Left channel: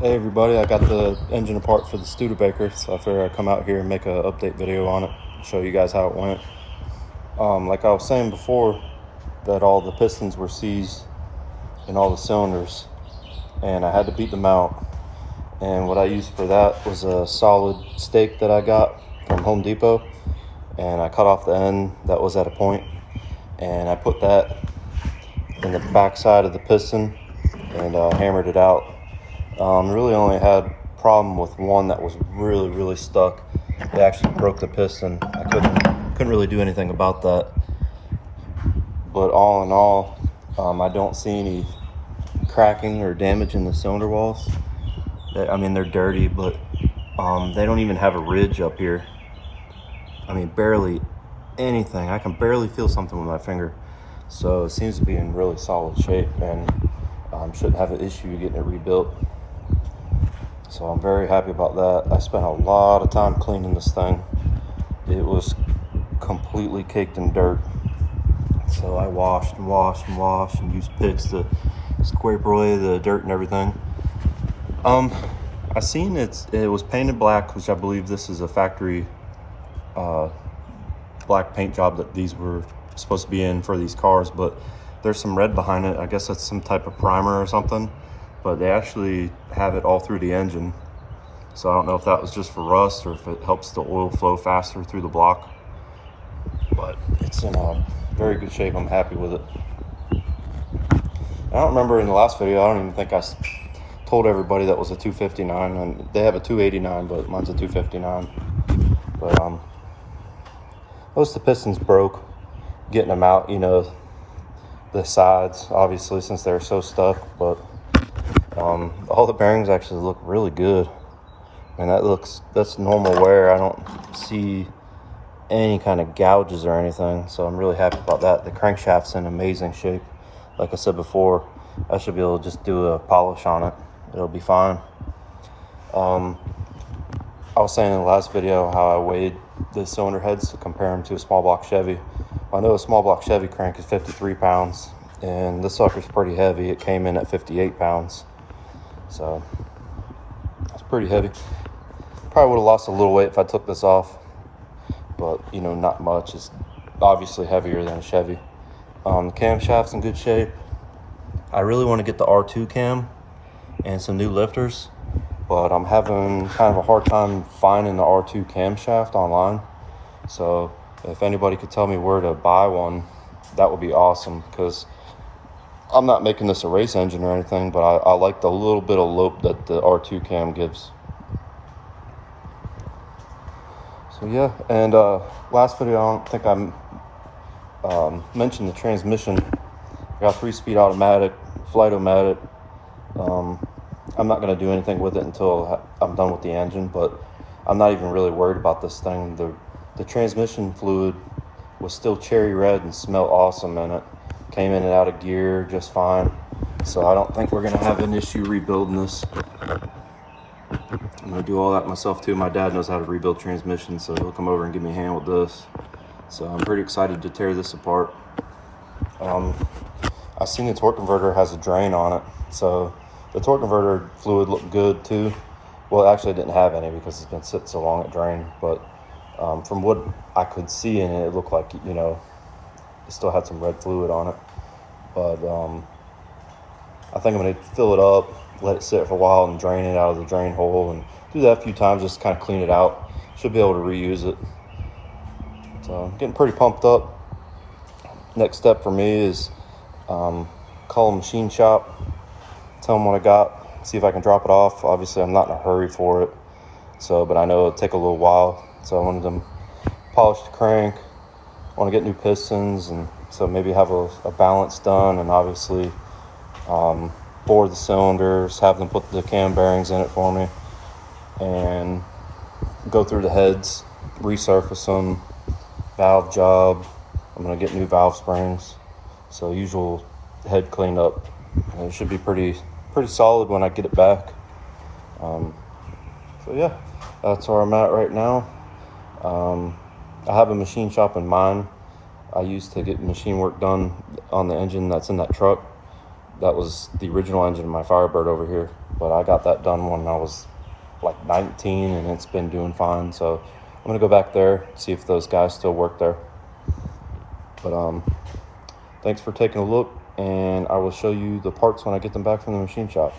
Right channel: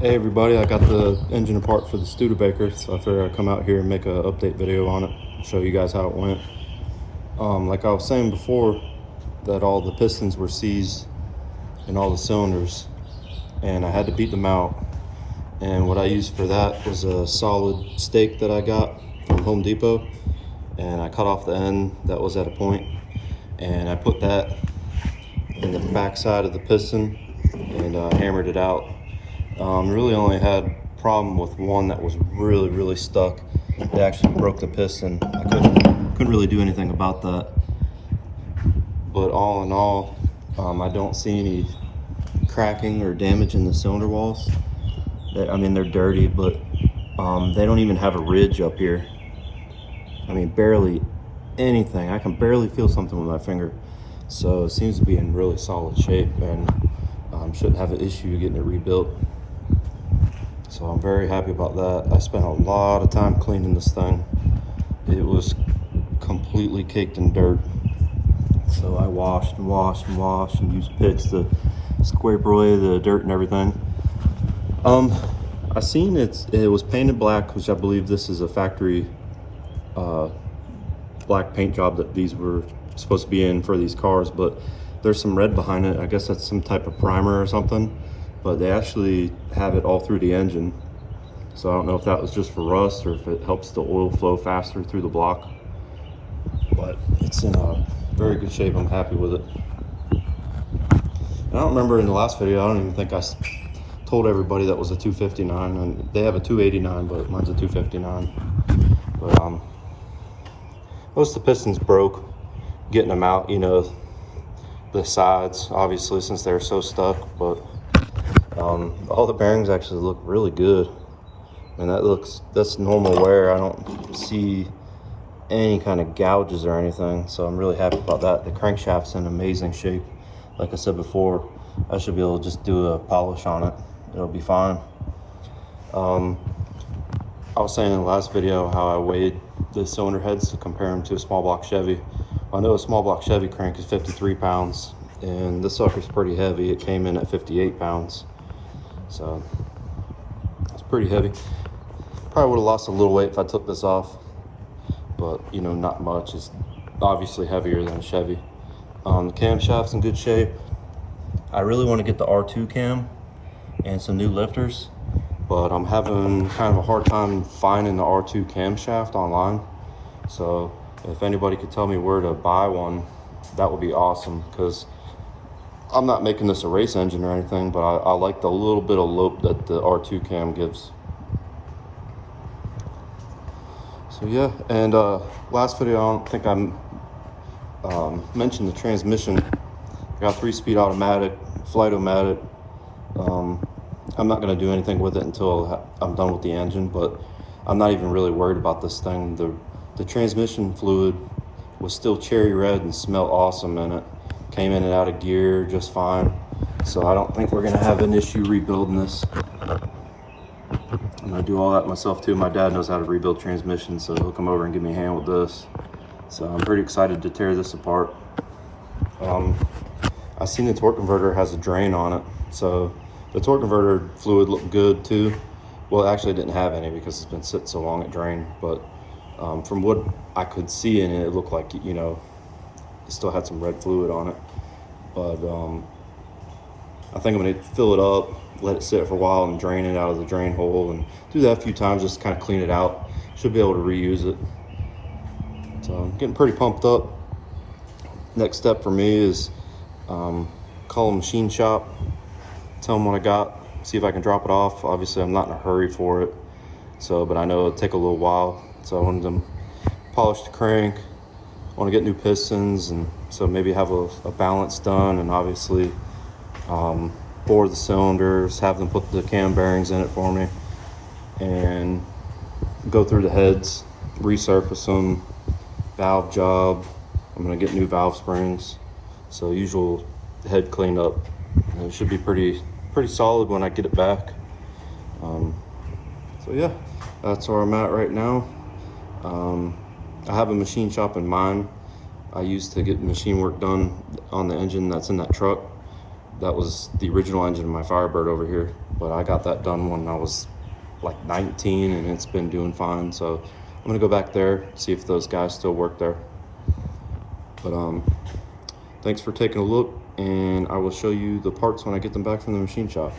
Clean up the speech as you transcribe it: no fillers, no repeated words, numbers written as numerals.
Hey everybody, I got the engine apart for the Studebaker, so I figured I'd come out here and make an update video on it and show you guys how it went. Like I was saying before, that all the pistons were seized in all the cylinders, and I had to beat them out. And what I used for that was a solid stake that I got from Home Depot, and I cut off the end that was at a point, and I put that in the back side of the piston and hammered it out. Really only had problem with one that was really stuck. It actually broke the piston. I couldn't really do anything about that. But all in all, I don't see any cracking or damage in the cylinder walls. I mean, they're dirty, but they don't even have a ridge up here. I mean, barely anything. I can barely feel something with my finger. So it seems to be in really solid shape, and shouldn't have an issue getting it rebuilt. So I'm very happy about that. I spent a lot of time cleaning this thing. It was completely caked in dirt. So I washed and used picks to scrape away the dirt and everything. I seen it was painted black, which I believe this is a factory black paint job that these were supposed to be in for these cars, but there's some red behind it. I guess that's some type of primer or something, but they actually have it all through the engine. So I don't know if that was just for rust or if it helps the oil flow faster through the block, but it's in a very good shape. I'm happy with it. I don't remember in the last video, I don't even think I told everybody that was a 259, and they have a 289, but mine's a 259. But most of the pistons broke getting them out, you know, the sides obviously since they were so stuck, but all the bearings actually look really good, and that's normal wear. I don't see any kind of gouges or anything, so I'm really happy about that. The crankshaft's in amazing shape. Like I said before, I should be able to just do a polish on it. It'll be fine. I was saying in the last video how I weighed the cylinder heads to compare them to a small block Chevy. I know a small block Chevy crank is 53 pounds, and this sucker's pretty heavy. It came in at 58 pounds, so it's pretty heavy. Probably would have lost a little weight if I took this off, but you know, not much. It's obviously heavier than a Chevy. The camshaft's in good shape. I really want to get the R2 cam and some new lifters, but I'm having kind of a hard time finding the R2 camshaft online. So if anybody could tell me where to buy one, that would be awesome, because I'm not making this a race engine or anything, but I like the little bit of lope that the R2 cam gives. So yeah, and last video I don't think I mentioned the transmission. I got 3-speed automatic, flight-o-matic. I'm not going to do anything with it until I'm done with the engine, but I'm not even really worried about this thing. The transmission fluid was still cherry red and smelled awesome, and it came in and out of gear just fine. So I don't think we're going to have an issue rebuilding this. I'm going to do all that myself too. My dad knows how to rebuild transmissions, so he'll come over and give me a hand with this. So I'm pretty excited to tear this apart. I seen the torque converter has a drain on it, so the torque converter fluid looked good too. Well, actually it didn't have any because it's been sitting so long it drained, but from what I could see in it, it looked like, you know, it still had some red fluid on it. But I think I'm going to fill it up, let it sit for a while, and drain it out of the drain hole, and do that a few times just to kind of clean it out. Should be able to reuse it. So I'm getting pretty pumped up. Next step for me is call a machine shop, tell them what I got, see if I can drop it off. Obviously I'm not in a hurry for it, so, but I know it'll take a little while. So I wanted to polish the crank, I want to get new pistons, and so maybe have a balance done, and obviously bore the cylinders, have them put the cam bearings in it for me, and go through the heads, resurface them, valve job. I'm going to get new valve springs, so usual head cleanup. It should be pretty solid when I get it back. So yeah, that's where I'm at right now. I have a machine shop in mind. I used to get machine work done on the engine that's in that truck. That was the original engine of my Firebird over here. but I got that done when I was like 19, and it's been doing fine. So I'm gonna go back there, see if those guys still work there. But thanks for taking a look, and I will show you the parts when I get them back from the machine shop.